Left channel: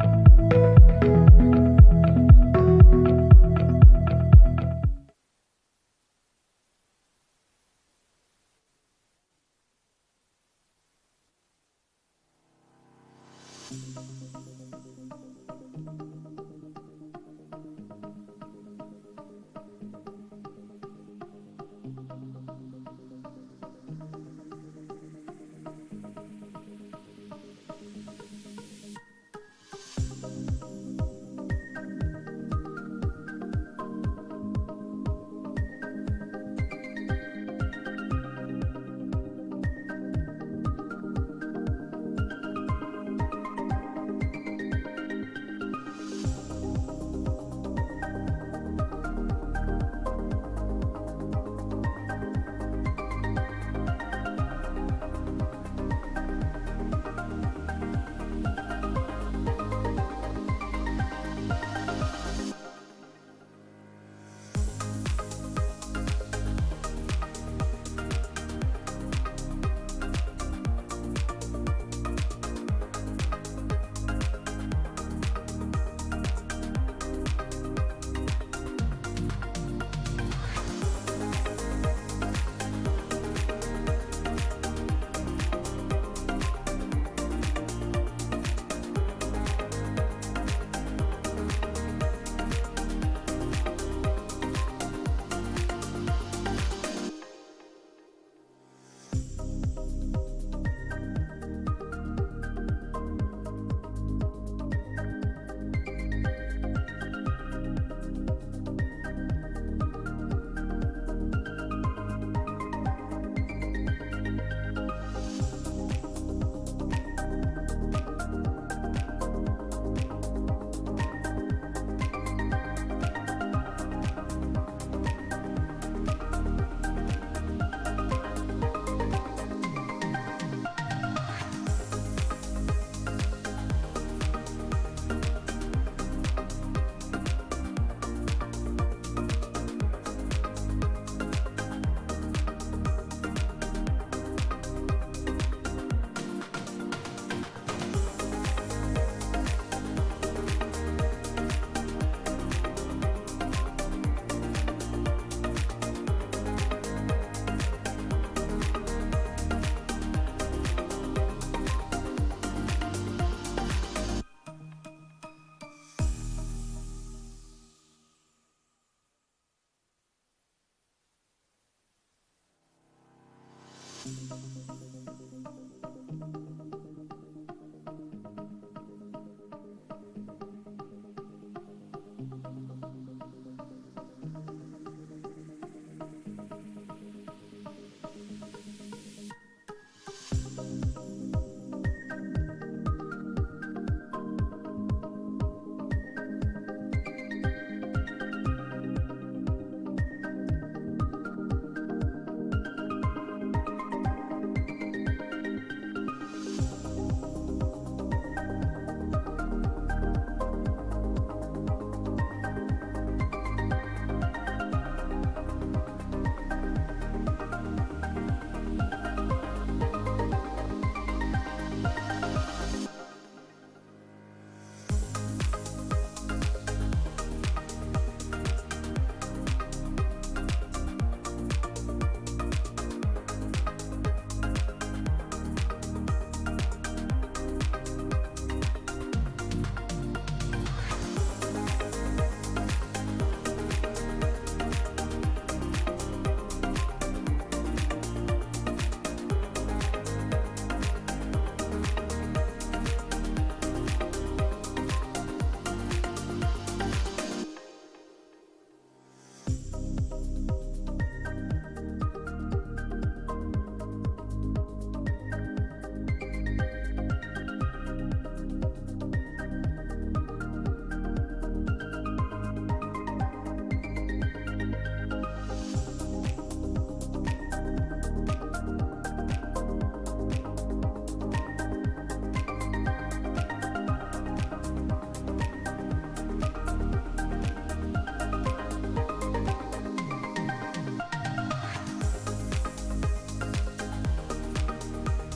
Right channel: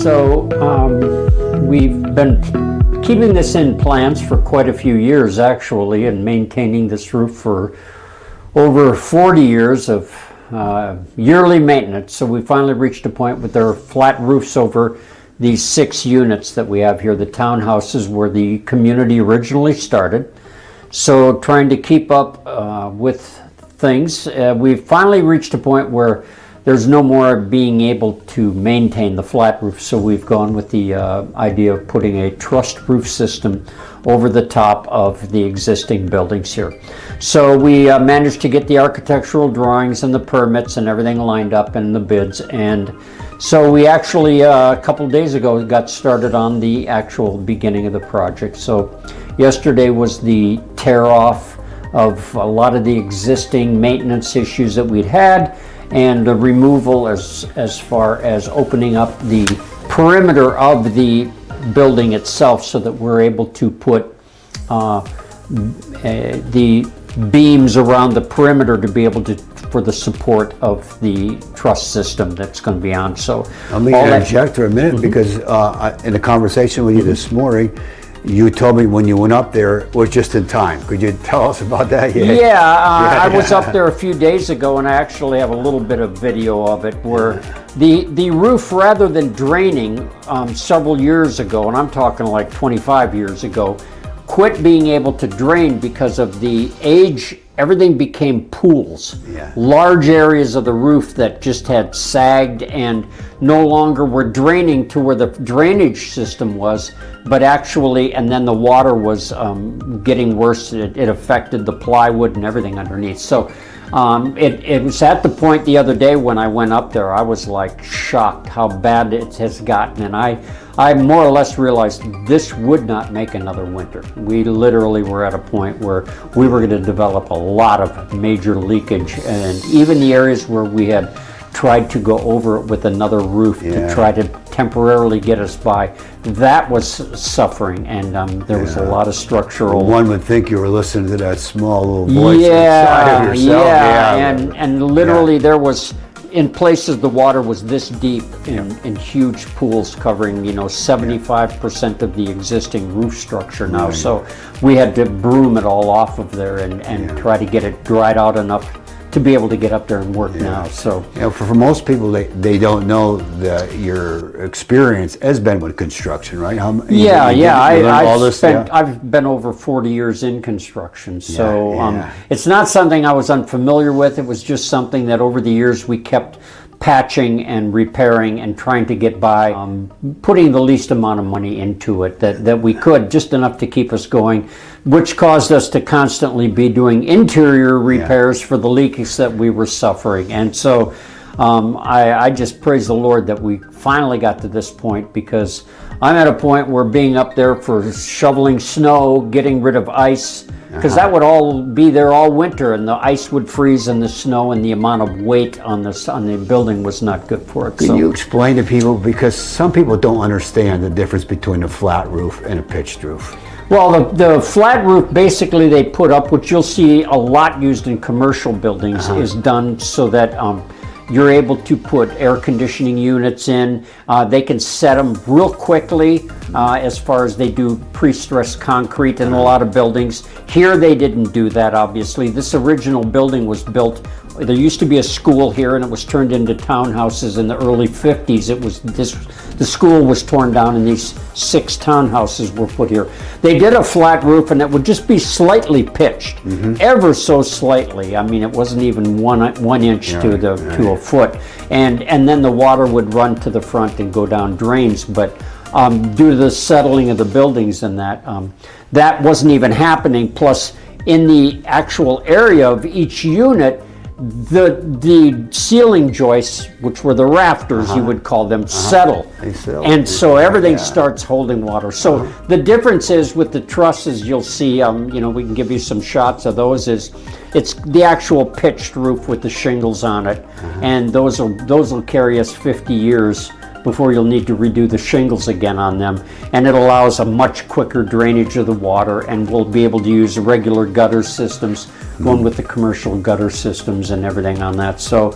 So we've been keeping this in plans for quite a few years actually, and maintaining this roof for over 40 years of yearly maintenance. So we finally reached a point with our flat roofs over these 6 units that we have here, the townhouses where the community originally started. So trying to keep up with things, we've finally reached a point where there's no more being able to maintain the flat roof, so we've gone with the idea of putting a trussed roof system over the top of the existing buildings here. So we managed to get the architectural drawings and the permits and everything lined up in the bids, and so we actually a couple of days ago got started on the actual beginning of the project. So yesterday was the tear off of a lot of the existing maintenance issues that we'd had, and the removal as far as opening up the perimeter of the building itself so that we're able to put the beams around the perimeter to be able to, for the support of the truss system that's going to be on. So let me interject for a minute, because in a conversation with you this morning, you told me when you went up there it was just in time. Could you tell us about that? I was up there a few days ago, and I actually have a little bit of video of it where the roof, rather than draining several years ago, and I'm talking like 25 years ago, quit being able to drain because of the age. Everything became pools. Large areas of the roof that just had sagged and no longer were draining to where the drainage system was, but actually, and then the water was getting worse. It affected the plywood and everything underneath. So it was at the point the other day when I went up there, I was like shocked how bad it has gotten, and I more or less realized this would not make another winter. We literally were at a point where we were going to develop a lot of major leakage, and even the areas where we had tried to go over it with another roof to try to temporarily get us by, that was suffering, and there was a lot of structural. One would think you were listening to that small little voice inside of yourself. And literally there was, in places the water was this deep in huge pools covering 75% of the existing roof structure now. So we had to broom it all off of there and try to get it dried out enough to be able to get up there and work now. So for most people, they don't know that your experience has been with construction, right? I've been over 40 years in construction, so it's not something I was unfamiliar with. It was just something that over the years we kept patching and repairing and trying to get by, putting the least amount of money into it that we could, just enough to keep us going, which caused us to constantly be doing interior repairs for the leaks that we were suffering. And so I just praise the Lord that we finally got to this point, because I'm at a point where being up there for shoveling snow, getting rid of ice, because that would all be there all winter, and the ice would freeze in the snow, and the amount of weight on the building was not good for it. Can you explain to people, because some people don't understand the difference between a flat roof and a pitched roof? Well, the flat roof basically they put up, which you'll see a lot used in commercial buildings, is done so that you're able to put air conditioning units in. They can set them real quickly as far as they do pre-stressed concrete in a lot of buildings. Here they didn't do that, obviously. This original building was built, there used to be a school here, and it was turned into townhouses in the early 50s. The school was torn down and these 6 townhouses were put here. They did a flat roof, and it would just be slightly pitched, ever so slightly. I mean, it wasn't even one inch to a foot. And then the water would run to the front and go down drains. But due to the settling of the buildings and that wasn't even happening. Plus, in the actual area of each unit, the ceiling joists, which were the rafters, you would call them, settle. And so everything starts holding water. So the difference is with the trusses, you'll see, we can give you some shots of those, it's the actual pitched roof with the shingles on it. And those will carry us 50 years before you'll need to redo the shingles again on them. And it allows a much quicker drainage of the water, and we'll be able to use the regular gutter systems going with the commercial gutter systems and everything on that. So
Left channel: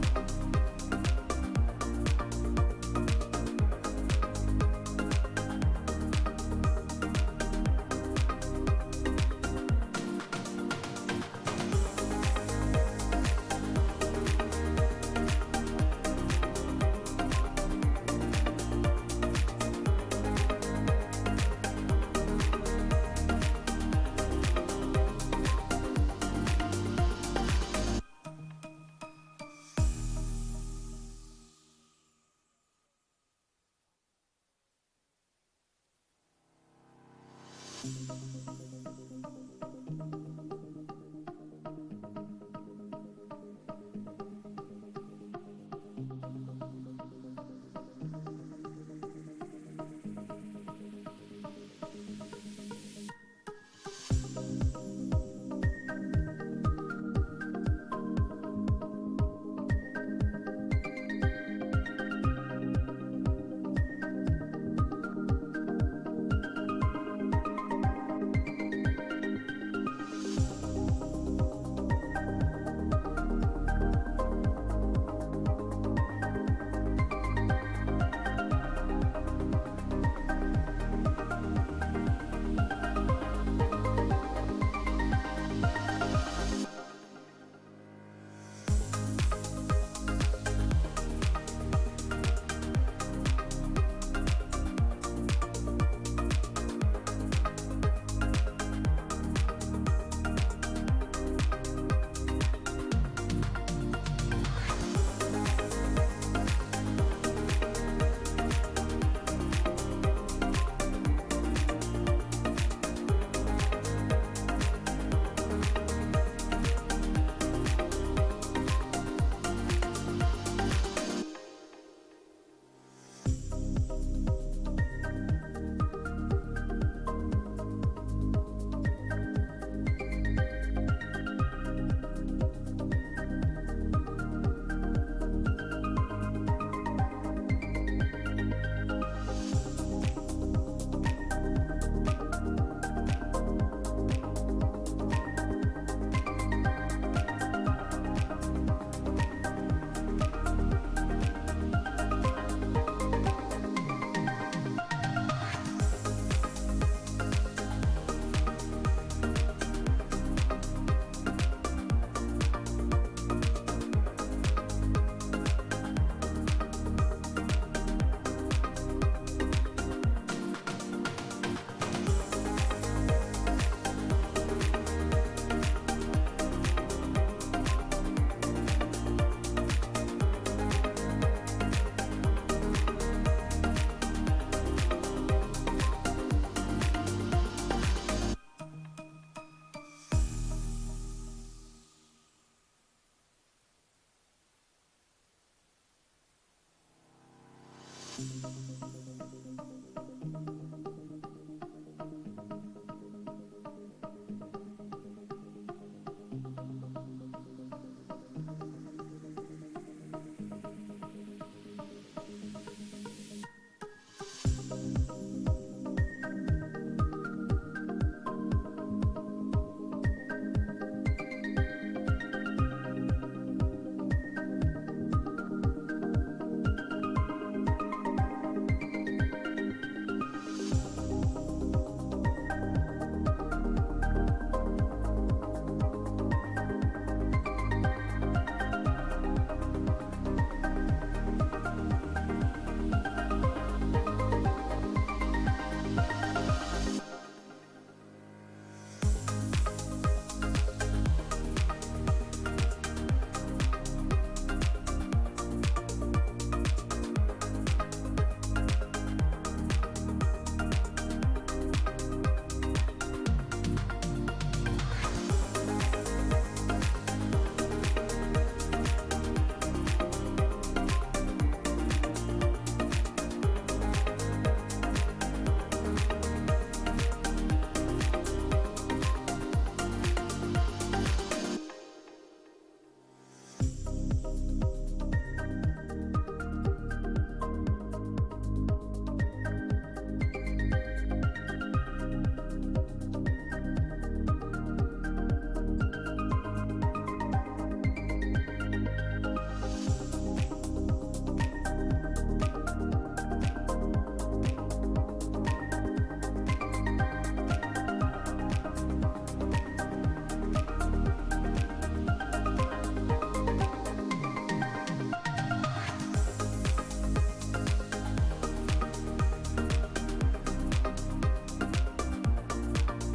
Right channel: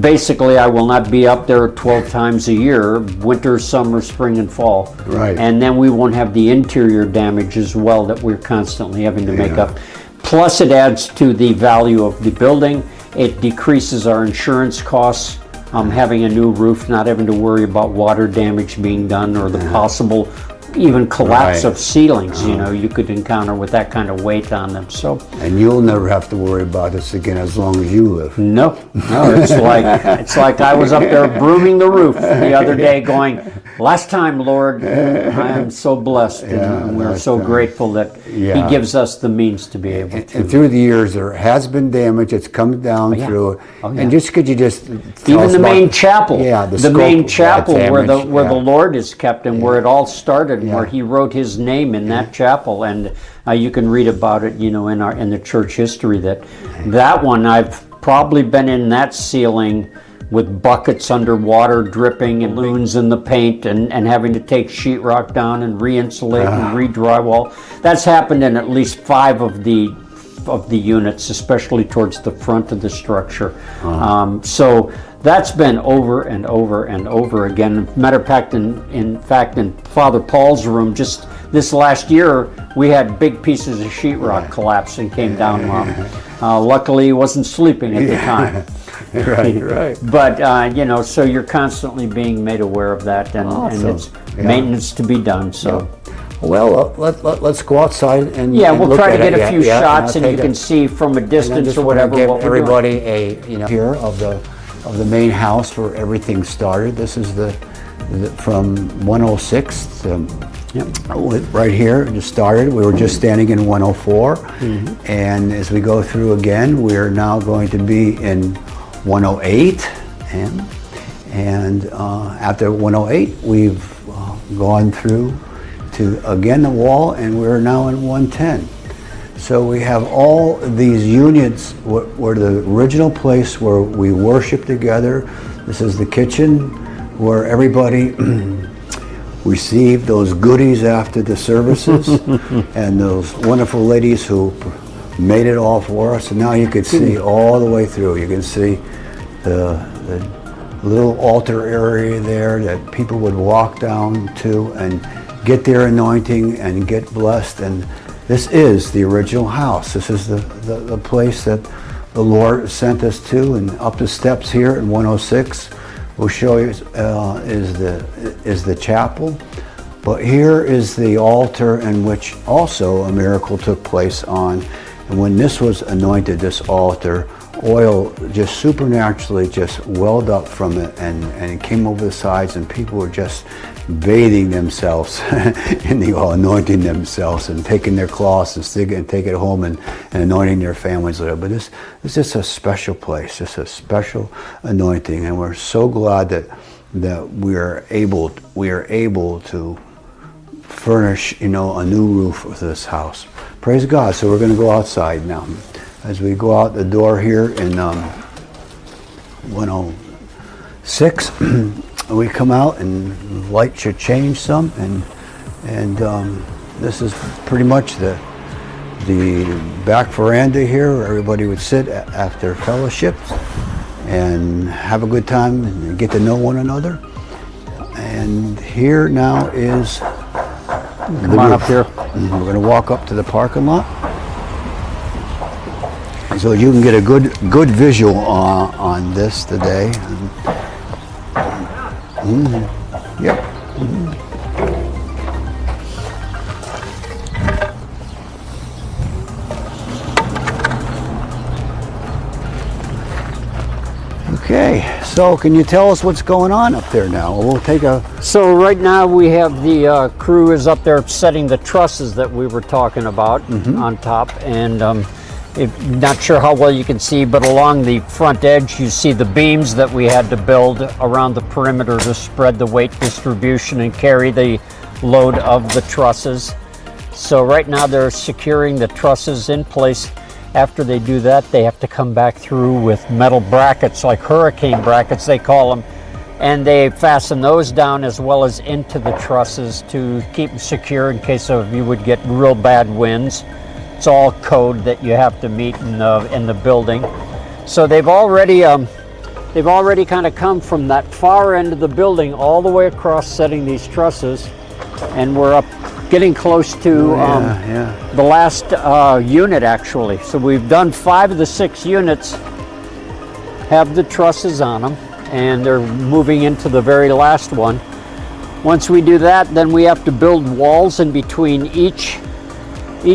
basically I will not be up there 12 times a year, winter, summer, spring, and fall. Right. And then we won't have the interior damage as well that we're constantly having to make up. Plus it adds to the value of the building. It decreases our insurance costs. Having a new roof, not having to worry about water damage being done, or the possible even collapse of ceilings, you know, you could encounter with that kind of weight on them. So, And you'll never have to worry about this again as long as you live. no, it's like I was up there brooming the roof the other day going, last time, Lord, I am so blessed, and we're so grateful that He gives us the means to be able to. And through the years, there has been damage. It's come down through. And just could you just tell Even us the about- main chapel, the main scope of chapel that where the damage, the Lord is kept, and where it all started, and where He wrote His name in that chapel, and you can read about it, you know, in the church history. That one, I've probably been in that ceiling with buckets underwater dripping and loons in the paint, and having to take sheetrock down and re-insulate and re-drywall. That's happened in at least 5 of the units, especially towards the front of the structure. So that's been over and over and over again. Matter of fact, in Father Paul's room, just this last year, we had big pieces of sheetrock collapse and came down on him. Luckily, he wasn't sleeping at the time. Right. But you know, so you're constantly being made aware of that, and it's maintenance to be done. So. Well, let's go outside and we'll look try to at get it. a few shots, and you take can it. see from a And I distance just or want to whatever give what we're doing. everybody a here of the main house where everything started. This is the from 106 to, right here. It just started. We were just standing in 104, and as we go through again, we are now going to be in 108, and after 108, we've gone through to again the wall, and we're now in 110. So we have all these units were the original place where we worship together. This is the kitchen where everybody received those goodies after the services, and those wonderful ladies who made it all for us. And now you can see all the way through. You can see the little altar area there that people would walk down to and get their anointing and get blessed. And this is the original house. This is the place that the Lord sent us to. And up the steps here in 106, we'll show you is the chapel. But here is the altar in which also a miracle took place on. And when this was anointed, this altar, oil just supernaturally just welled up from it, and it came over the sides, and people were just bathing themselves in the oil, anointing themselves, and taking their cloths and take it home and anointing their families with it. But this is just a special place, just a special anointing, and we're so glad that we are able to furnish, you know, a new roof for this house. Praise God. So we're going to go outside now. As we go out the door here in 106, we come out, and light should change some, and this is pretty much the back veranda here where everybody would sit after fellowships and have a good time and get to know one another. And here now is Come on up here. We're going to walk up to the parking lot, so you can get a good visual on this today. Yep. Okay, so can you tell us what's going on up there now? We'll take a... So right now we have the crew is up there setting the trusses that we were talking about on top, and not sure how well you can see, but along the front edge you see the beams that we had to build around the perimeter to spread the weight distribution and carry the load of the trusses. So right now they're securing the trusses in place. After they do that, they have to come back through with metal brackets, like hurricane brackets they call them, and they fasten those down as well as into the trusses to keep them secure in case of you would get real bad winds. It's all code that you have to meet in the building. So they've already kind of come from that far end of the building all the way across, setting these trusses, and we're up getting close to the last unit actually. So we've done 5 of the 6 units have the trusses on them, and they're moving into the very last one. Once we do that, then we have to build walls in between each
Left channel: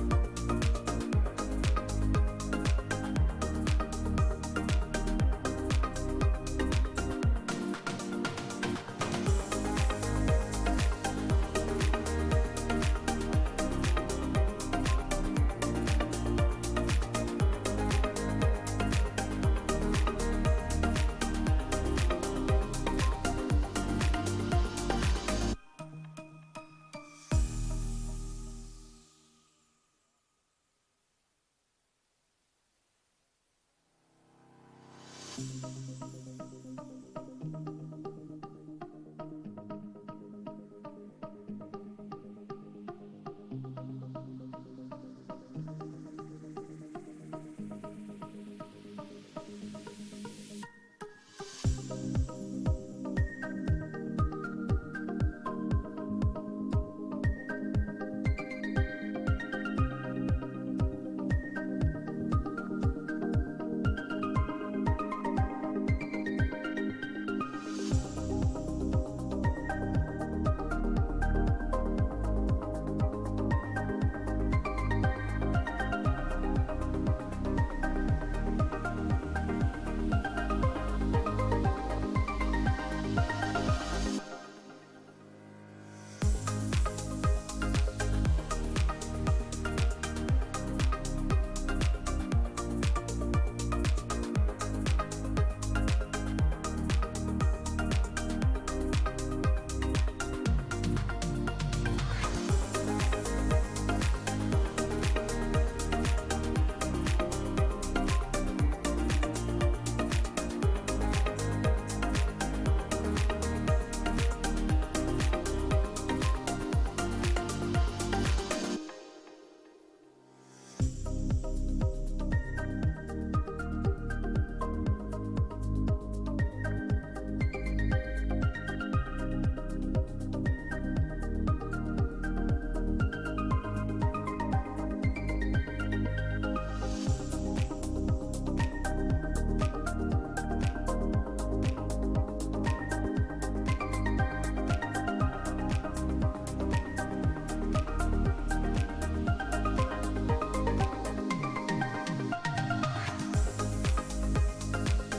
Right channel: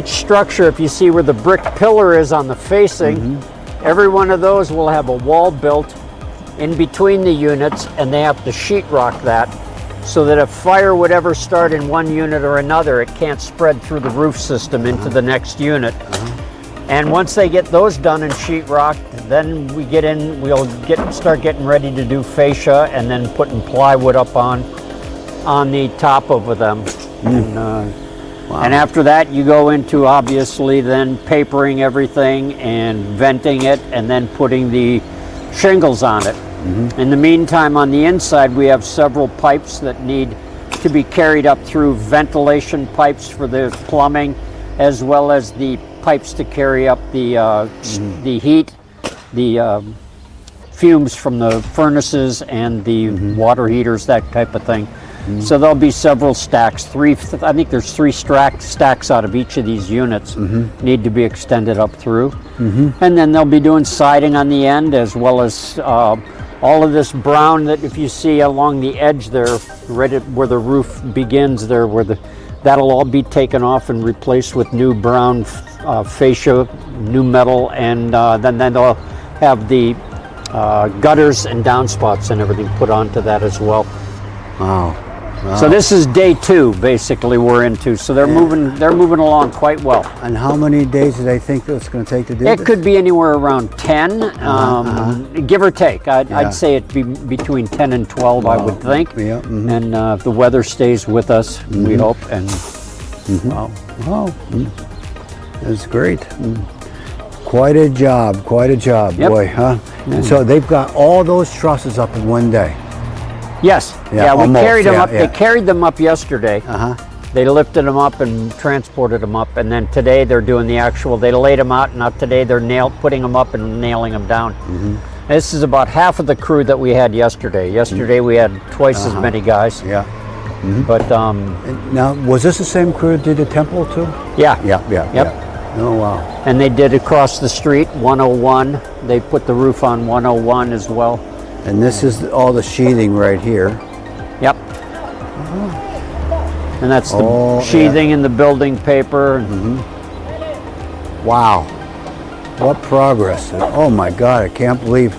structure. If you see where the brick pillar is on the facing, every one of those will have a wall built in between the units, and they have to sheetrock that so that if fire would ever start in one unit or another, it can't spread through the roof system into the next unit. And once they get those done and sheetrocked, then we get in, start getting ready to do fascia and then putting plywood up on the top of them. And after that, you go into obviously then papering everything and venting it and then putting the shingles on it. In the meantime, on the inside, we have several pipes that need to be carried up through ventilation pipes for the plumbing, as well as the pipes to carry up the heat, the fumes from the furnaces and the water heaters, that type of thing. So there'll be several stacks. I think there's 3 stacks out of each of these units need to be extended up through. And then they'll be doing siding on the end, as well as all of this brown that if you see along the edge there, right at where the roof begins there, that'll all be taken off and replaced with new brown fascia, new metal, and then they'll have the gutters and downspouts and everything put onto that as well. Wow. So this is day 2, basically, we're into. So they're moving along quite well. And how many days do they think it's going to take to do this? It could be anywhere around 10, give or take. I'd say it'd be between 10 and 12, I would think. And if the weather stays with us, we hope. And That's great. Quite a job, boy, huh? And so they've got all those trusses up in one day. Yes. We almost, carried them up. They carried them up yesterday. They lifted them up and transported them up, and then today they're doing the actual. They laid them out, and now today they're putting them up and nailing them down. This is about half of the crew that we had yesterday. Yesterday we had twice as many guys. But now, was this the same crew that did the temple too? Yep. Oh wow. And they did across the street, 101. They put the roof on 101 as well. And this is all the sheathing right here. Yep. And that's the sheathing and the building paper. Wow. What progress. Oh my God, I can't believe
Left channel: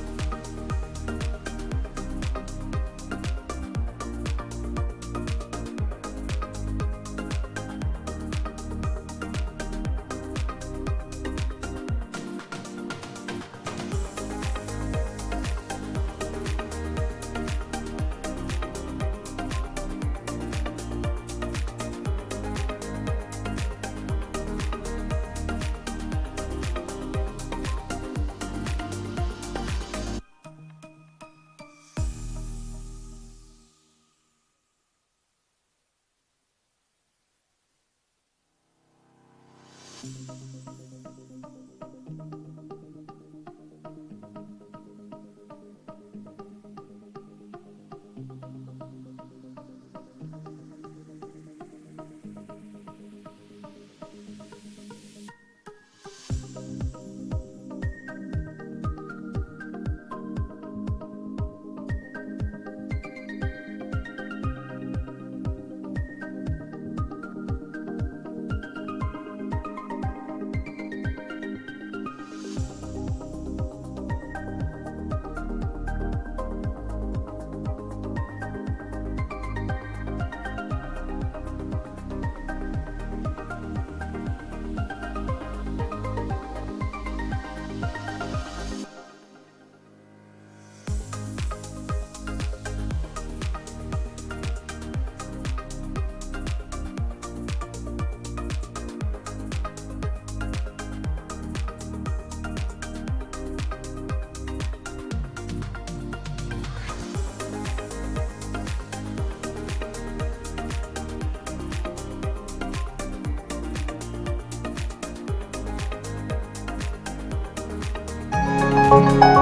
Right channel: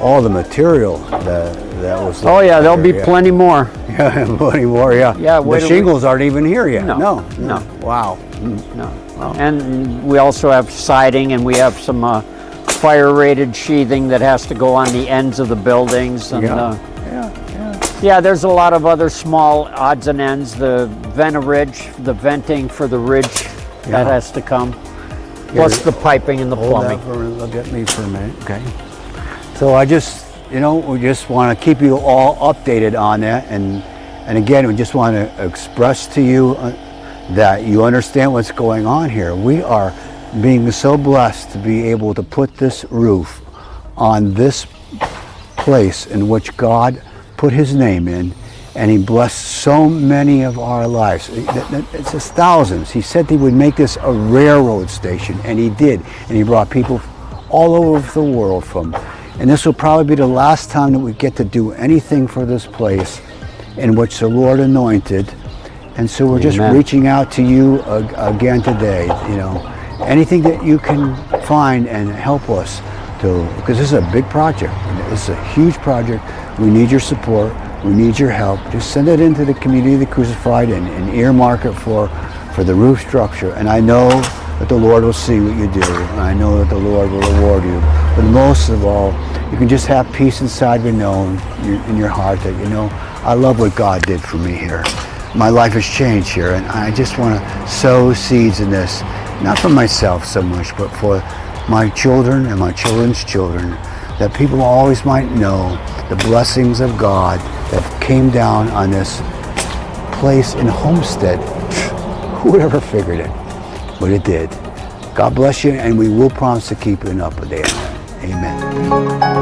all the material that was. Oh yeah, there'll be plenty more. Plenty more, yeah. The shingles aren't even here yet. No. Wow. No. And we also have siding, and we have some fire rated sheathing that has to go on the ends of the buildings. And, there's a lot of other small odds and ends. The ridge, the venting for the ridge, that has to come. Plus the piping and the plumbing. Look at me for a minute, okay. So I just, we just want to keep you all updated on that. And again, we just want to express to you that you understand what's going on here. We are being so blessed to be able to put this roof on this place in which God put his name in, and he blessed so many of our lives. It's just thousands. He said he would make this a railroad station, and he did. And he brought people all over the world from. And this will probably be the last time that we get to do anything for this place in which the Lord anointed. And so we're just reaching out to you again today, anything that you can find and help us to, because this is a big project. It's a huge project. We need your support. We need your help. Just send it into the Community of the Crucified and earmark it for the roof structure. And I know that the Lord will see what you do. And I know that the Lord will reward you. But most of all, you can just have peace inside in your heart that, I love what God did for me here. My life has changed here, and I just want to sow seeds in this, not for myself so much, but for my children and my children's children, that people always might know the blessings of God that came down on this place in Homestead. Who would ever figured it? But it did. God bless you, and we will promise to keep you up to date. Amen.